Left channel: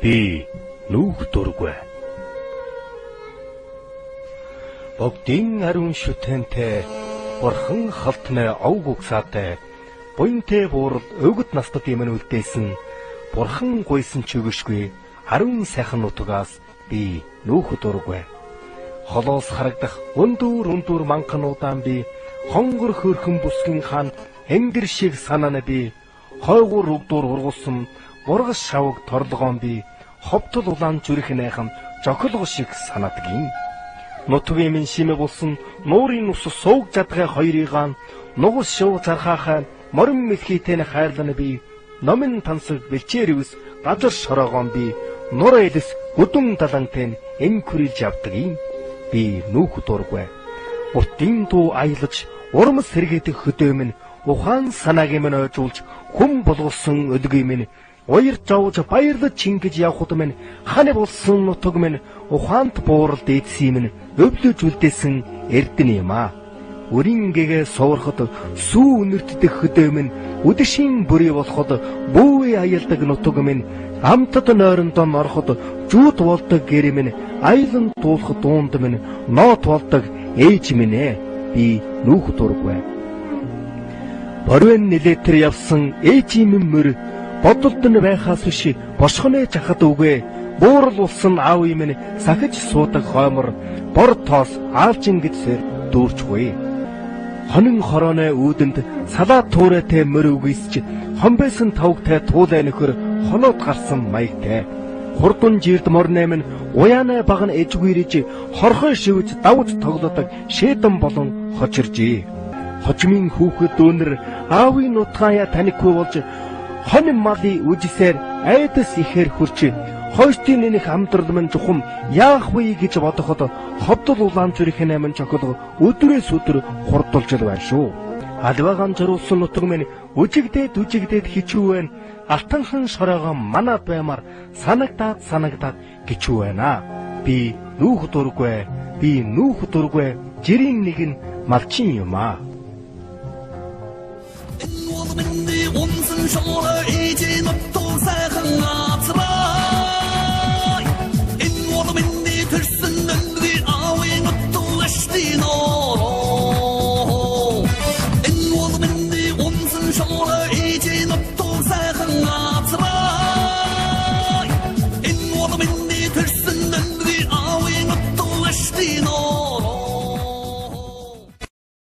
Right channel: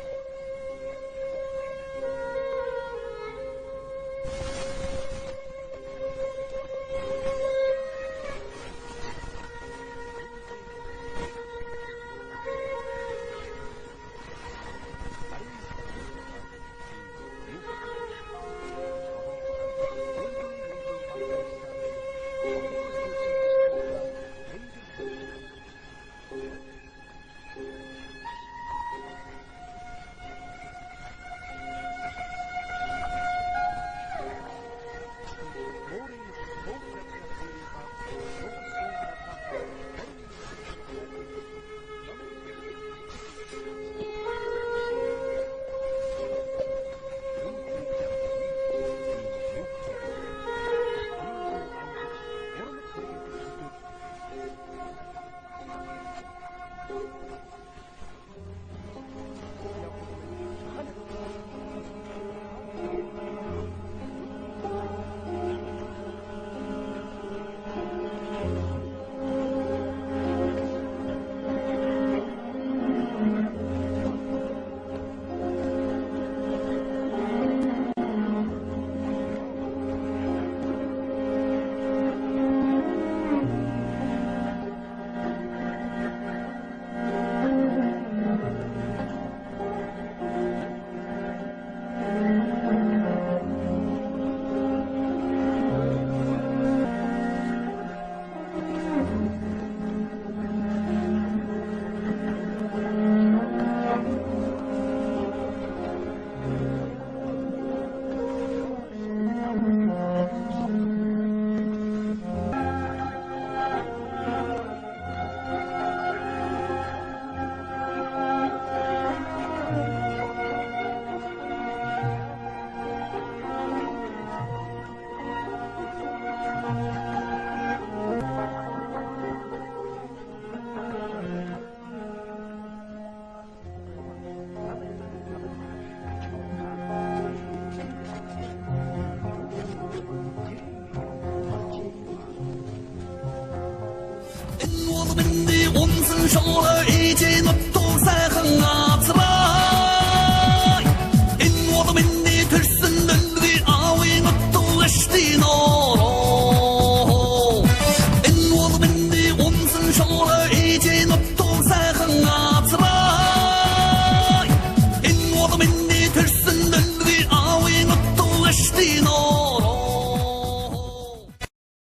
Би нүүх дургүй. Богдын ариун шүтэнтэй бурхан халтны ов гүгсаатай буянтэй буурал өгд настад юм үлдээсэн бурхан гуйсан чигшгүй ариун сайхан нутгаас би нүүх дургүй. Холоос харагдах өндөр манхануудaan би хонгор хөрхөн бүсгэн хаан энгэр шиг санаана би хойгуур өгдүр ургуулсан ургас шавг торлогоон би ховтол улаан зүрх найхан жохолго шиг санаадаг юм. Нутгийн минь шимэг болсон нуурын ус сууг жадгай хоёрыгаан нугас шив зархаахай морин мэлхийтэй хайрлана би номын тансаг бэлчээрвс газар шороогоон би нур элэс өдөн далантай эн хүрэлж явдаг юм. Би нүүх дургүй. Бутын дуу аялаж урам сэргээдэх хөдөө минь ухаан санааг минь ойжуулж хүм болгосон өдгий минь уяр жавж баярлаж чингэж явхад минь ханы болсон нутаг минь ухаант буурал дээдсэн минь өвлөж үлдээсэн эрдэнэ юм аа. Өрийн гэгээ суурхад сүү үнэртдэх хөдөө минь үдэшийн бүрий болоход бүүе аялдаг нутаг минь амтад нойрондоо ороход жууд болдог гэр минь айлан дуулах дуунд минь ноот болдог ээж минь ээ. Би нүүх дургүй. Орвэн нилэтэр явсан ээжийн мөр бодолд нь байхаас биш бошхоны жахад үгүй буурал болсон аав минь сахиж суудаг хоймор бор тоос аалжин гэж дүүрчгүй. Хонин хорооны үүдэнд салаа туурайтай мөр үгүйсч хомбэсэн тавгтай туулай нөхөр хоноод гарсан маягтай. Хурдан жирд морны минь уяаны баг нь эжгүйрэж хорхой шивж давж тоглодог шээдэн болон хочиржээ. Хожмын хүүхэд дүүнэр аавын нутгая танихгүй болж хонин малын үжисээр айдас ихээр хурч хойштын нэнэх амдрал минь жухам яах вэ гэж бодоход ховдол улаан зүрхийн амин чокол өдрөөс өдөр хурдулж байна шүү. Алваагаан зориулсан нутаг минь үжигдээд хичүү байна. Алтанхан шороогоо манаа баймаар санагдаад гिचүү байна. Би нүүх дургүй. Жирийн нэг нь малчин юм аа. 我们的文字说了一句，我都在很啊，